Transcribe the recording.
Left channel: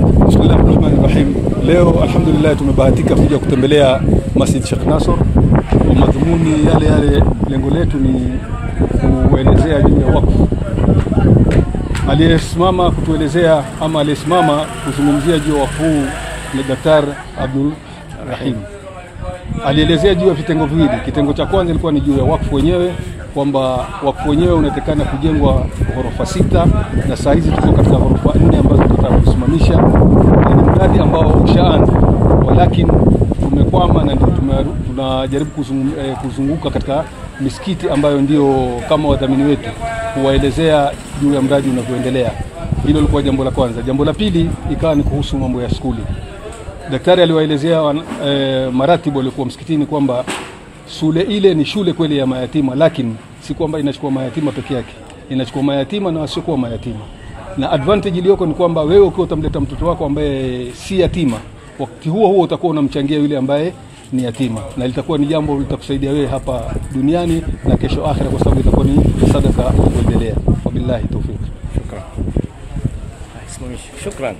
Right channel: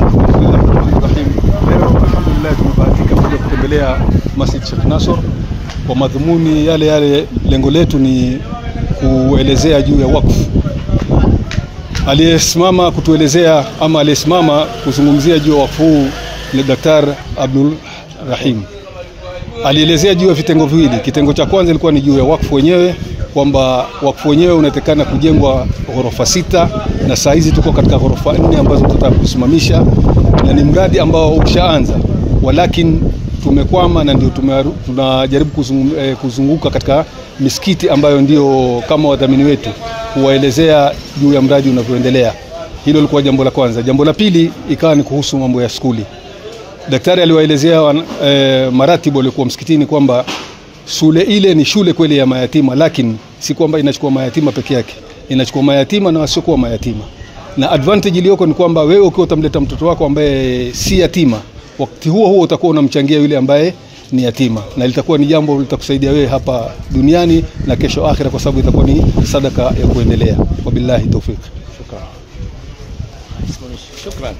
Bismillahirrahmanirrahim. Leo alhamdulillah tumebahatika kuja kutembelea Masjid Sheikh Nasor. Kwa madhumuni yale lengo letu ni kuelezea juu ya wakfu. Aliyesimama kutuelezea ama aliyesimama kuzungumzia juu ya wakfu ni Daktari Abdul Rahim. Alielezea juu ya vitengo viwili. Kitengo cha kwanza ilikuwa ni juu ya wakfu wenyewe, kwamba wakfu wenyewe unatakana kujengwa ghorofa 6 na saa hizi tuko katika ghorofa 4 ambazo tutakusimamisha, na ni mradi ambao ushaanza, walakini tumekwama na ndio tunajaribu kuzunguka katika misikiti ambayo ndio kama wadhamini wetu kuwaelezea juu ya mradi unavyoendelea. Hilo lilikuwa jambo la kwanza. Jambo la pili ikawa ni kuhusu mambo ya skuli. Daktari aliwaelezea maratibu waliokuwa msikitini kwamba shule ile ni shule kweli ya mayatima, lakini si kwamba inachukua mayatima peke yake, inachukua mayatima na wasiokuwa mayatima. Na advantage iliyoko ni kwamba wewe ukiwa utamleta mtoto wako ambaye si yatima, wakati huo utakuwa unamchangia yule ambaye ni yatima, na litakuwa ni jambo litakusaidia wewe hapa duniani na kesho akhira, kwa sababu itakuwa ni sadaka ya kuendelea. Wabillahi tawfik. Shukran.